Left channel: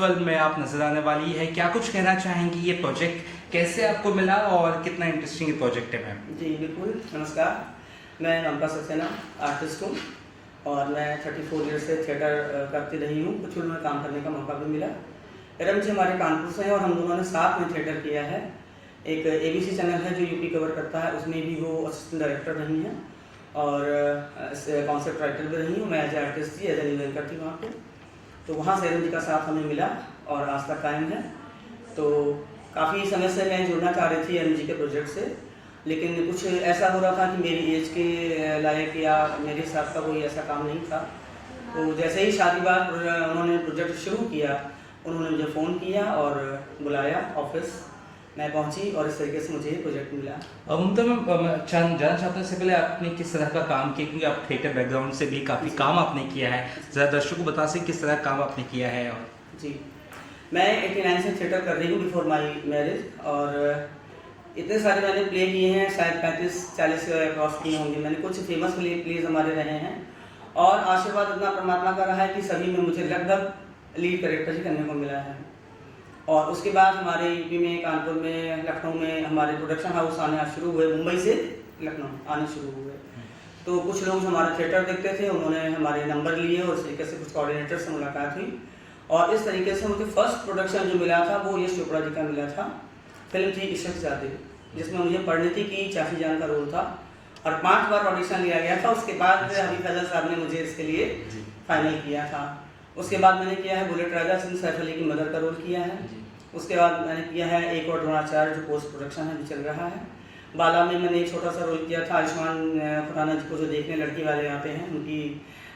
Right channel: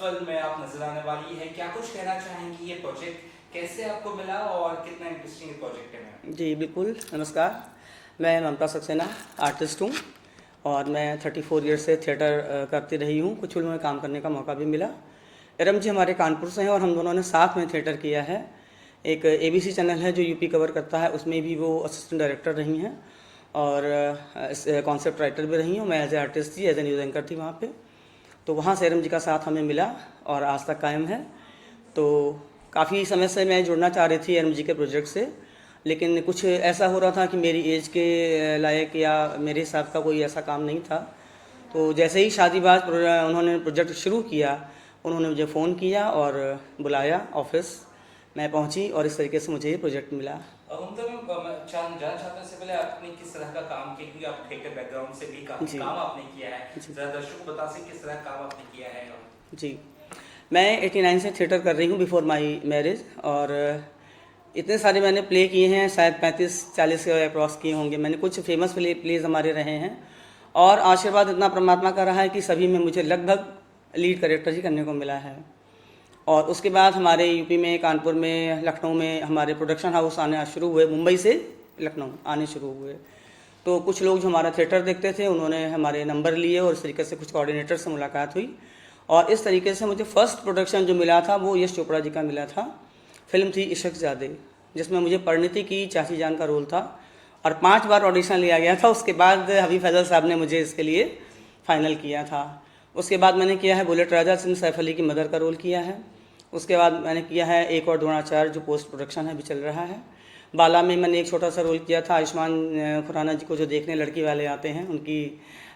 Film में आप नजर आने वाली है, क्या कुछ कहना चाहेंगी? ये प्रोजेक्ट कैसे आपको मिला और कितना इंटरेस्टिंग ये प्रोजेक्ट है मैम? जी बिल्कुल, नमस्कार। मैं ममता सक्सेना आर्टिस्ट हूँ और मैं 34 ईयर से थिएटर करती रही हूँ। कुछ फिल्मों में काम करने का मौका भी मिला। इरम जी हमारे कानपुर से हैं और हम दोनों ने साथ में थिएटर किया है। एक ABC चैनल है जो यूपी कवर करता है, उसमें भी वो असिस्टेंट डायरेक्टर रही हैं और कॉन्सेप्ट राइटर भी रही हूँ। मैं एज ए आर्टिस्ट थी, एज ए न्यूज़ एंकर थी वहाँ पे। तो वहाँ से इरम जी का साथ हमें मिला और आज तक कायम है। तो काफ़ी समय से मैं जुड़ना चाह रही थी इरम जी के प्रोजेक्ट से, लेकिन कुछ ऐसा हो रहा था कि मेरी एज के लायक या मेरे हिसाब का कोई ऐसा काम नहीं था। तो जैसे ही शादी बाद उन्होंने प्रोजेक्ट शुरू किया, उन्होंने मुझे फ़ोन किया और बुलाया ऑफिस। मैं पहुंची और इस तरीके से मुझे ये प्रोजेक्ट मिला। ममता मैम, जानना चाहता हूँ इससे पहले आपने किस तरह का काम किया, क्योंकि आप थिएटर बैकग्राउंड से भी काफ़ी काम आपने किया है। ज़रा दर्शकों को बता सकें किस तरह का काम आपने किया है? और जी, मैं 89 से थिएटर कर रही हूँ बिफोर माई मैरिज, और इतने सारे मैंने प्ले किए हैं, शायद 35-40 क्रॉस किए होंगे मैंने। कुछ फेमस प्लेज हमारे रहे हैं और आशीर्वाद इतना परमात्मा का रहा है कि सभी में मुझे लगभग लीड कैरेक्टर ही करने को मिला है। और उसके बाद हमारे यूपी में, कानपुर में, लखनऊ में हमारे प्रोडक्शन हाउस आने शुरू हुए। मुंबई से लखनऊ आने शुरू हुए। तो कुछ लोग जो हमारा थिएटर देखते थे उन्होंने हमारे नंबर लिए और इस तरीके से कुछ कोऑर्डिनेटर से मुलाकात हुई और इस तरीके से मुझे फर्स्ट प्रोडक्शन जो मिला था वो यश चोपड़ा जी का मिला था। फिल्म थी इश्क ज़्यादे, जिसमें मुझे परिणीति की चाची जान का रोल था और 5 बार ऑडिशन लिया गया था। उसके बाद हबीब फैजल साहब ने मुझे इसके लिए फाइनल किया था। उसके बाद मैंने किया है बुलेट राजा सिंह, सैफ अली की मदर का रोल किया है। उसके बाद मैंने किया है एक और द्रोणाचार्य जो पोस्ट प्रोडक्शन है, अभी चल रहा है। बाला में मैंने एक छोटा सा रोल किया था आयुष्मान खुराना जी को जो देखने लड़की वाले आते हैं, उनकी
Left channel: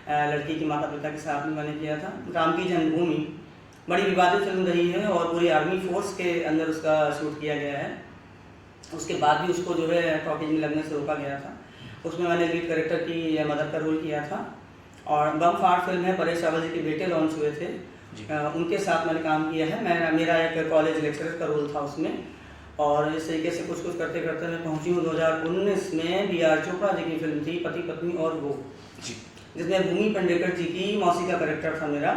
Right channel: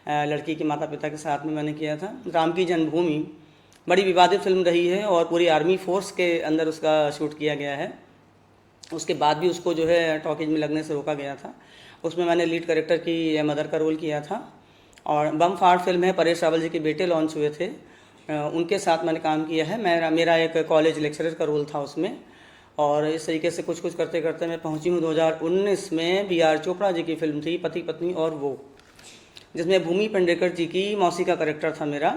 लड़की के माता पिता के साथ में मैंने किया था। राम की जन्मभूमि बड़ी विवादित फिल्म रही है और पूरी आर्मी फोर्स के अंदर उसका शूट किया गया है। उसके बाद भी उसको जो है टॉकीज में लगने से रोका गया था। उसमें मैंने लीड कैरेक्टर की मदर का रोल किया था। और बम फाड़ फिल्म है, परेश रावल जी के बेटे लॉन्च हुए थे, उनके साथ मैंने काम किया है। मेरा एक कॉलेज लेक्चरर का रोल था उसमें। और इस तरीके से कुछ कुछ करते करते मैं पहुंची हूँ 2019 में। BR चोपड़ा जी की फिल्म थी पति पत्नी और वो, जिसमें भूमि पेडनेकर जी की मौसी का कैरेक्टर था मेरा।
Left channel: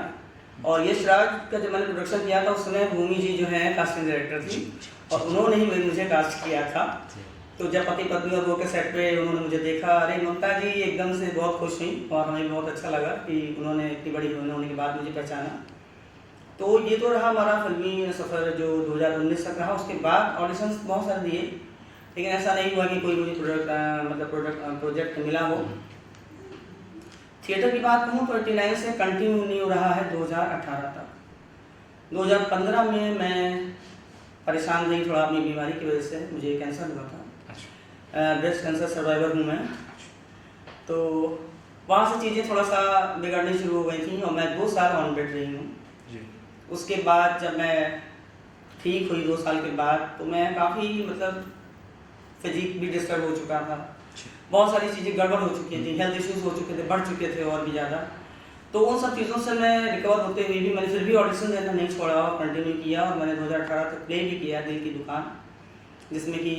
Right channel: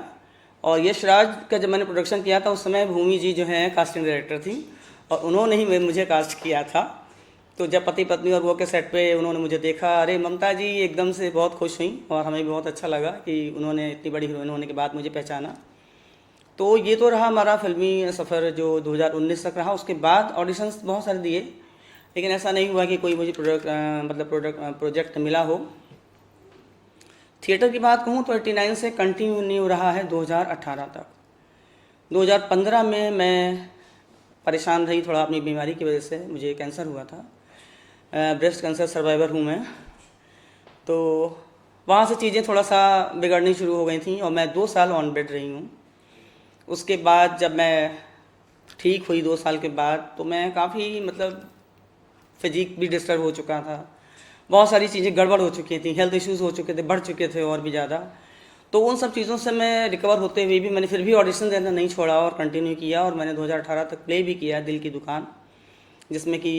और यश राज का जब मैंने प्रोडक्शन किया था उस समय भूमि जी जो हैं कास्टिंग डायरेक्टर थी और उन्होंने ही मुझे कास्ट किया था। तो जब पति पत्नी और वो के सेट पे उन्होंने मुझे देखा, अरे ममता जी एकदम से बहुत खुश हुई और हमें भी बहुत अच्छा लगा कि उन्होंने इतनी बड़ी हीरोइन होने के बाद मुझे पहचाना। तो ये तो रहा हमारा फिल्मी सफ़र जो 2019 तक रहा। उसके बाद ऑडिशंस बहुत सारे दिए, लेकिन ऐसा नहीं हुआ कि कोई मुझे प्रोजेक्ट मिला हो। थिएटर की बात कहूँ तो 89 से कंटिन्यू नहीं हो रहा है 2018 तक। 2015 में मैं परेशान रही थोड़ा अपनी बीमारी की वजह से, मुझे कैंसर हुआ था। ब्रेस्ट कैंसर सर्वाइवर हूँ मैं। तो वहाँ से चीज़ें थोड़ा सा बिगड़नी शुरू हो गई थी और मैं 2 साल ऑन बेड रही हूँ। उसके बाद जब मैं ठीक हुई 2 साल के बाद, तो मैं काफ़ी फिजिक भी डिस्टर्ब हो चुका था। बहुत सारी चीज़ें गड़बड़ हो चुकी थी, हेल्थ इश्यूज हो चुके थे, बढ़ चुके थे और भी ज़्यादा। तो उन सब चीज़ों से मैं रिकवर होते हुए भी मैंने फिर भी ऑडिशन देना नहीं छोड़ा और कंटिन्यू किया। और मैंने 2018 तक प्ले भी किया दिल की दुकान, जिसमें कि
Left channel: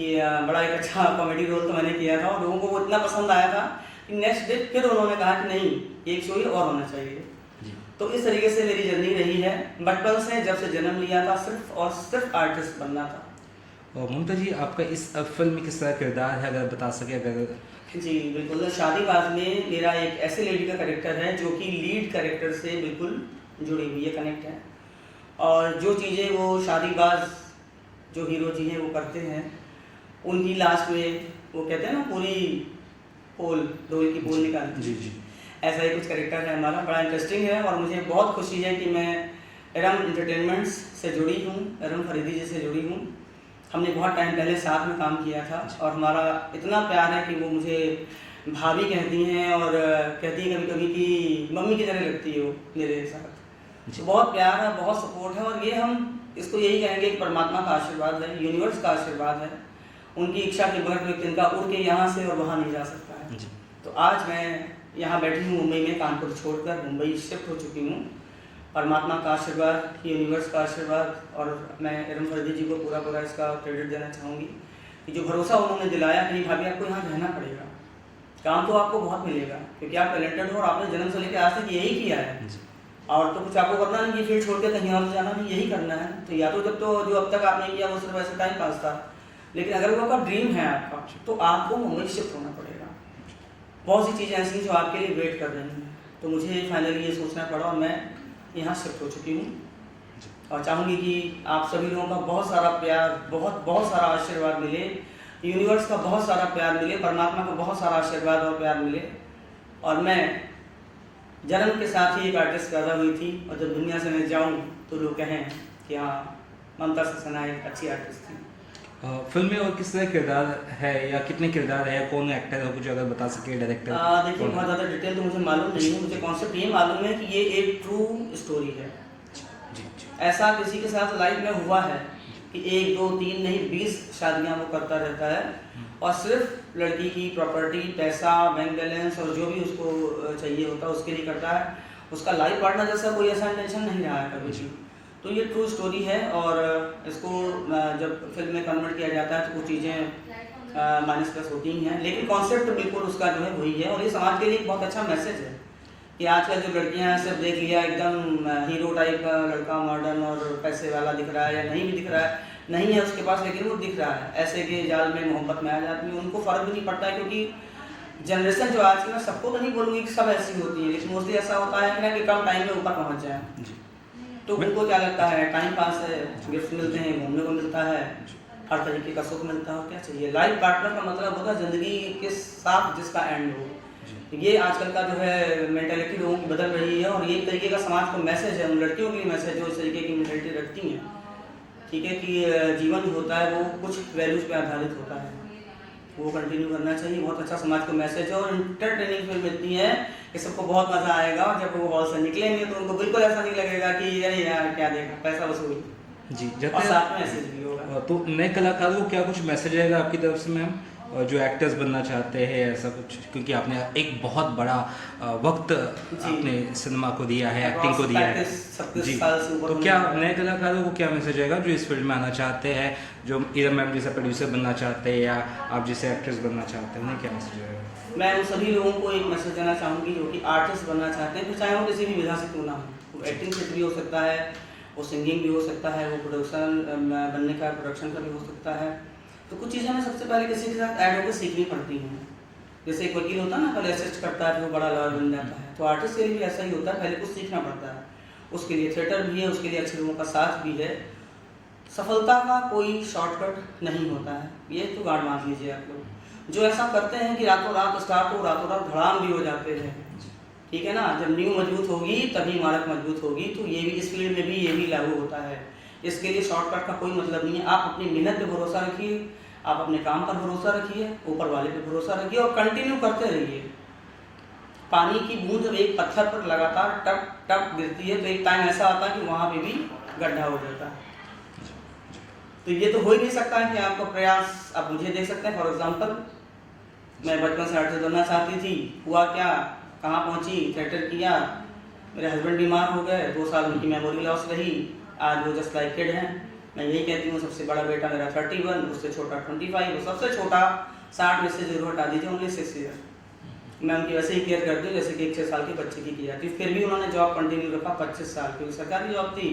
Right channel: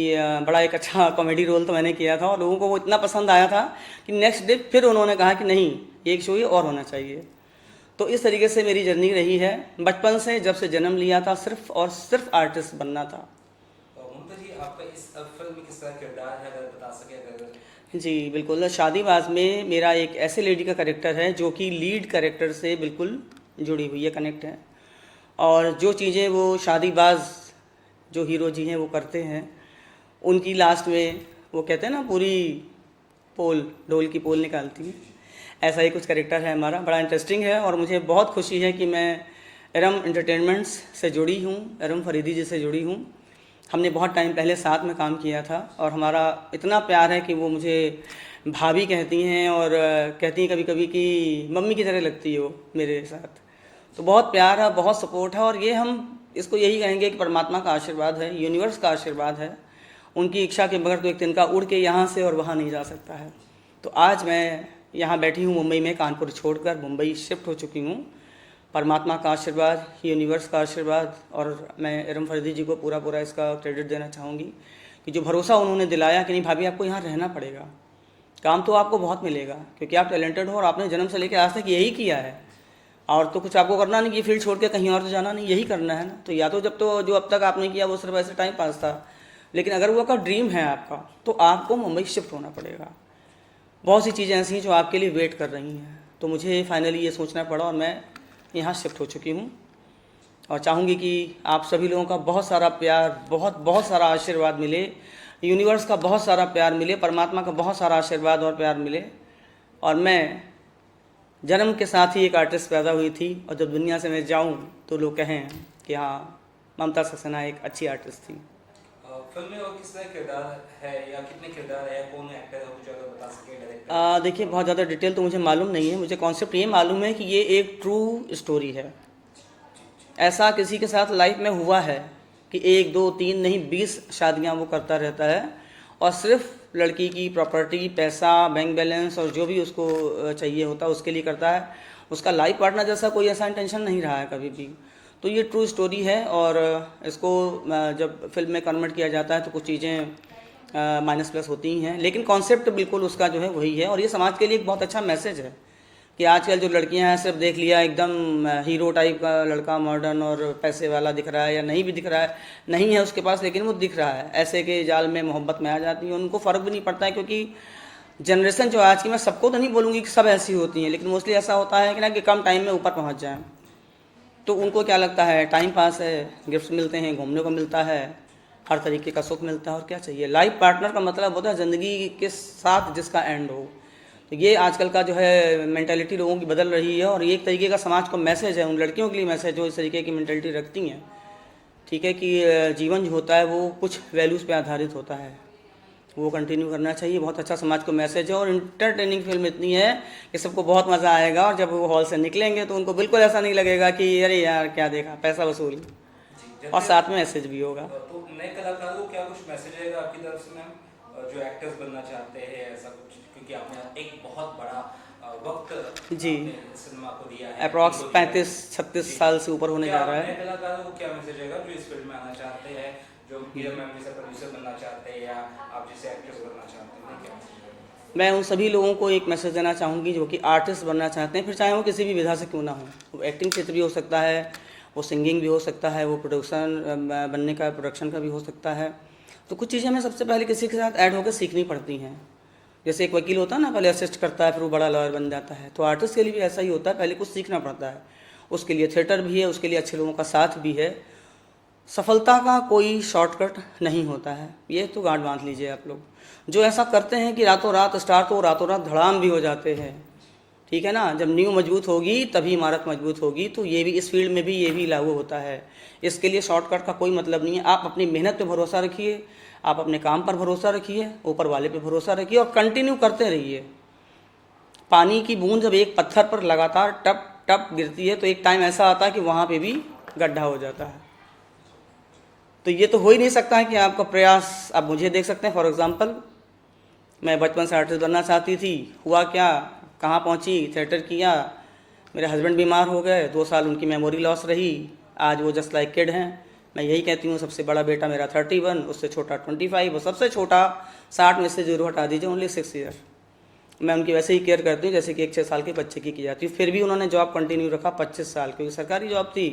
बड़ा एक अच्छा कॉमेडी रोल तो मैंने किया था और लोगों को वो इतना पसंद आया था कि नेक्स्ट डे फिर उन्होंने कहा कि नहीं, एक शो ही और होना चाहिए। तो इस तरीके से मेरी जर्नी रही है बचपन से, जब से जन्म लिया था सिर्फ और सिर्फ आर्टिस्ट बनना था। ममता जी, आपका इस फिल्म में किस तरह किरदार है, अगर बता सके? अगर जी बिल्कुल, शादीबाज में मेरा एक ऐसे लेडी का कैरेक्टर है जो कि लीड कैरेक्टर से बिल्कुल जुड़ी हुई है, कनेक्ट है। और जो चीज़ें वो शादीबाज जो हीरो जी हैं वो करते हैं, उनकी लास्ट में वो कहते हैं ना पूरी पोल, ढोल की पोल निकालती है, ऐसा ही कुछ कैरेक्टर है हमारा। बड़ा इंटरेस्टिंग है और मुझे बहुत खुशी है कि मैं इरम एंटरटेनमेंट्स से जुड़ी हूँ, इरम फरीदी जी से जुड़ी हूँ। हमने बहुत टाइम पहले साथ में काम किया था और हमारा इतना प्यार है कि वो मुझे भाभी कहती हैं और कहती हैं कभी कभी कि मम्मी की तरह लगती हो मेरे साथ। तो बहुत प्यार है, बहुत सपोर्ट है और ये हम इसको यही कहेंगे कि परमात्मा का आशीर्वाद है, यूनिवर्स का आशीर्वाद है। उनकी इच्छा के बगैर तो एक तिनका उड़ के यहाँ से और वहाँ नहीं जा सकता है। तो आज मैं यहाँ बैठी हूँ मुंबई में, कानपुर छोड़कर मुंबई शिफ्ट हो चुकी हूँ। परमात्मा का आशीर्वाद, यूनिवर्स का आशीर्वाद, और मैं इरम फरीदी जी को पूरा इसका क्रेडिट देना चाहूँगी कि जो भरोसा उन्होंने दिलाया कि नहीं भाभी आपको यहाँ रहना पड़ेगा, काम तो आपको बहुत मिलेगा क्योंकि आप टैलेंटेड हो और आपने जन्म से लेकर आज तक यही किया है। और तो कुछ आपको करना नहीं, ये फील्ड छोड़ के कहीं और तो जाना नहीं, यही करना है। तो या तो जब तो जो अब तक आपने किया वो सिर्फ ऐसे टाइम पास था, लेकिन अगर वो आपका ड्रीम है आपका, तो आपको मुंबई शिफ्ट होना पड़ेगा। बहुत सी चीज़ें ऐसी हैं जो आपके लिए वेट कर रही हैं, तो मुझे फाइनली ये सोचना पड़ा और मैं यहाँ शिफ्ट हो चुकी हूँ। और चाहूँगी कि आप सभी लोगों का बहुत सारा प्यार, बहुत बहुत सारा आशीर्वाद मिले, यूनिवर्स का बहुत सारा प्यार मिले, परमात्मा का बहुत सारा आशीर्वाद और प्यार मिले। और मैं जन्म के साथ ही एक आर्टिस्ट पैदा हुई थी, और जब दुनिया से मैं जाऊँ तो लोग कहें कि हाँ, ममता सक्सेना एक अच्छी आर्टिस्ट थी। फिल्म में और किस तरह किरदार है या कितने किरदार है, कौन एक्टर है, कुछ अगर बता सके डायरेक्टर? देखिए, बहुत ज़्यादा डिटेल तो मुझे मालूम नहीं है, मुझे कॉन्सेप्ट ये मालूम है कि ये एक ट्रू स्टोरी है। ऐसा किसी के साथ लाइफ में हुआ है कि 1 2 3 नहीं 20 शादियां वो करता रहता है, और सिर्फ लड़की की प्रॉपर्टी, पैसा, बैंक बैलेंस और जो भी उसको चाहिए होता है उसके लिए करता है। उसका लाइफ पार्टनर जैसा कोई ऐसा इंटेंशन नहीं रहा है कभी भी। तो ये ट्रू स्टोरी है, और इसको जब फिल्म में कन्वर्ट किया जाता है तो कुछ चीज़ें माइनस प्लस होती ही हैं, लेकिन कॉन्सेप्ट बिल्कुल उसका जो है वही है। और ये समाज के लिए एक बहुत अच्छा मैसेज है कि आजकल जो लड़कियां हैं, सिर्फ देख लिया एकदम हीरो टाइप का लड़का, मॉडर्न और पैसे वाला दिख रहा है, या नहीं भी दिख रहा है, नहीं है उसके पास लेकिन वो दिख रहा है, ऐसे के जाल में मोहब्बत में आ जाती है। उनको फ़र्क भी नहीं पड़ता है, क्योंकि जनरेशन जो आज की, मैं सबको तो नहीं बोलूँगी कि सब ऐसी होती हैं, लेकिन मोस्टली ऐसा होता है कि ना कि कम टाइम में ऊपर पहुँच जाए। तो उनको क्या लगता है, टाइम पास है, गिफ्ट मिलते हैं, घूमने को मिलता है, हर तरीके का सुख मिलता है, और क्या चाहिए। लाइफ पार्टनर का मतलब होता है ज़िंदगी के साथ जिसका एंड हो। तो ये आजकल का जो है मेंटालिटी लोगों की बदल रही है, और ये एक तरीके का समाज को मैसेज है, उन लड़कियों के लिए मैसेज जो इस तरीके की मेंटालिटी रखती हैं, ठीक है, कि जीवन जो होता है वो कुछ वैल्यूज़ पे आधारित होता है, वो कंटिन्यू करना चाहिए। बहुत अच्छा समाज को मैसेज है, और इंटरटेनिंग फिल्म इतनी है कि सबको बहुत मज़ा आएगा, और जब वो हॉल से निकलेंगे तो उनको बिल्कुल ऐसा नहीं लगेगा कि अरे यार क्या देखा, पैसा वसूल जी, और साथ में मैसेज भी होगा। तो नए कलाकारों को क्या कुछ मैसेज आएगा आपकी तरफ से मैम, जो एक्टर्स बनना चाहते हैं ऐसा कुछ, क्योंकि आपने एक बहुत बड़ा वक्त अपने सिनेमा को दिया है, एक्टिंग को दिया है, 35-36 साल से ऊपर तो होने क्या जा रहा है। नए कलाकारों को क्या मैसेज आएगा जो इस फील्ड में आना चाहते हैं, जो इरम मैम जैसे प्रोड्यूसर बनना चाहते हैं या आप जैसे एक्ट्रेस बनना चाहते हैं, उन्हें क्या मैसेज आएगा? मैं उन सभी लोगों को एक मैसेज देना चाहूँगी जो कि आर्टिस्ट बनना चाहते हैं, फिर चाहे वो किसी भी विधा से क्यों ना हो। वो एक्टिंग क्षेत्र भी हो सकता है, वो सिंगिंग भी हो सकता है, वो प्रोडक्शन का भी हो सकता है। तो कुछ चीज़ें हमें सबसे पहले किसी के साथ ऐड होकर सीखनी पड़ती हैं। जैसे एक वकील होता है ना, पहले असिस्ट करता है, फिर वो बड़ा लॉयर बन जाता है। तो आर्टिस्ट के लिए भी ऐसा ही होता है, पहले कुछ सीखना पड़ता है। उसके लिए थिएटर भी है, उसके लिए अच्छे लोगों का साथ भी है। सफलता का कोई शॉर्टकट नहीं होता है, ये तो गांठ बांध लीजिए आप लोग। जो ऐसा करते हैं कि रातों रात स्टार्ट हो, रातों रात धड़ाम भी हो जाते हैं, ठीक है ना। जब नींव मजबूत होगी तभी इमारत मजबूत होगी। तो ये भी इस फील्ड में भी ये भी लागू होता है। इसके लिए शॉर्टकट का कोई मतलब नहीं है। आप अपनी मेहनत पे भरोसा रखिए, आप अपने काम पर भरोसा रखिए, ऊपर वाले पे भरोसा रखिए, और कंटिन्यू करते रहिए। पानी की बूंद जब एक पत्थर पर लगातार टप टप गिरती है तो एक टाइम ऐसा आता है कि वहाँ पे भी गड्ढा हो जाता है। तो ये तो हो ही नहीं सकता है कि आपका प्रयास, आप मुझे देख सकते हैं फॉर एग्जांपल, मैं बचपन से आर्टिस्ट बनना चाहती थी, हुआ क्या, कहाँ पहुँची, थिएटर किया, मेरे हस्बैंड बीमार हो गए, 2 साल उनकी मेमोरी लॉस रही, आज वो जस्ट लाइक किड हैं। मैं यही कहती हूँ, सबसे बड़ा बेटा मेरा 31, उससे छोटा 25, और सबसे छोटा 60 में से 0 हटा दीजिए, ओनली 6 ईयर। मैं उनकी वैसे ही केयर करती हूँ जैसे कि एक 6 साल के बच्चे की जाती है। फिर भी उन्होंने जॉब कंटिन्यू रखा 25 साल की, सरकारी जॉब थी,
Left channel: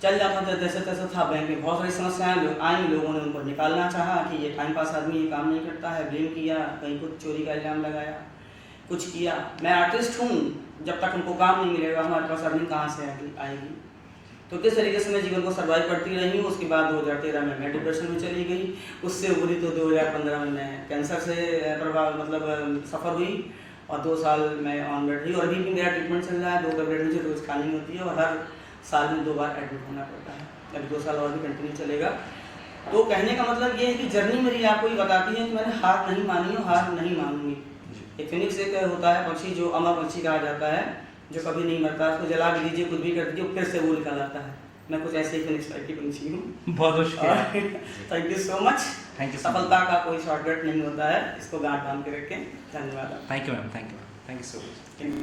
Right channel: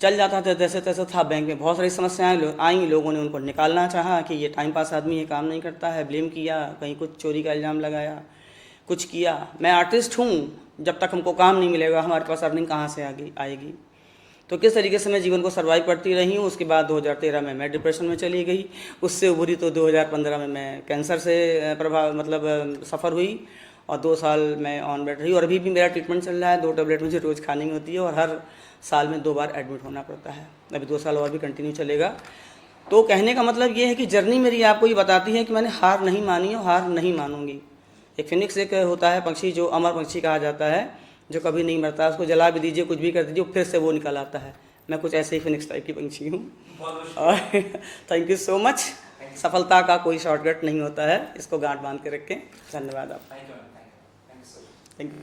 चल जाता था जैसे तैसे था। बैंक में बहुत सारी समस्याएं आई, लोगों ने उनको निकालना चाहा कि ये टाइम पास आदमी, ये काम नहीं करता है, ब्लेम किया, कहीं कुछ चोरी का इल्ज़ाम लगाया, कुछ किया। मैं आर्टिस्ट हूँ, जब तक हमको काम नहीं मिलेगा हमारे पास अर्निंग कहाँ से आएगी। तो किस तरीके से मैं जीवन को सर्वाइव करती रही हूँ। उसके बाद 2013 में मैं डिप्रेशन में चली गई, उससे उभरी तो 2015 में मैं कैंसर से सफ़र हुई, और 2 साल मैं ऑन बेड रही, और अभी भी मेरा ट्रीटमेंट चल रहा है। 2 टैबलेट मुझे रोज़ खानी होती है, और हर साल में 2 बार एडमिट होना पड़ता है। अभी 2 साल और भी कंटिन्यू चलेगा। तो कहने का मतलब ये है कि जर्नी मेरी आपको ये बताती है कि मैंने हार नहीं मानी और हार नहीं मानूंगी। एक फिनिक्स एक होता है पक्षी, जो अमर पक्षी कहा जाता है, जो कभी नहीं मरता। उसको जला भी दीजिए, कुछ भी कर दीजिए, फिर से वो निकल आता है। मैं कुछ ऐसे ही फिनिक्स टाइप की पंछी हूँ। बहुत थैंक यू सो मच। सफलता का कोई शॉर्टकट नहीं होता है, इसको गांठ बांध के रखें। धन्यवाद। Thank you ma'am, thank you so much.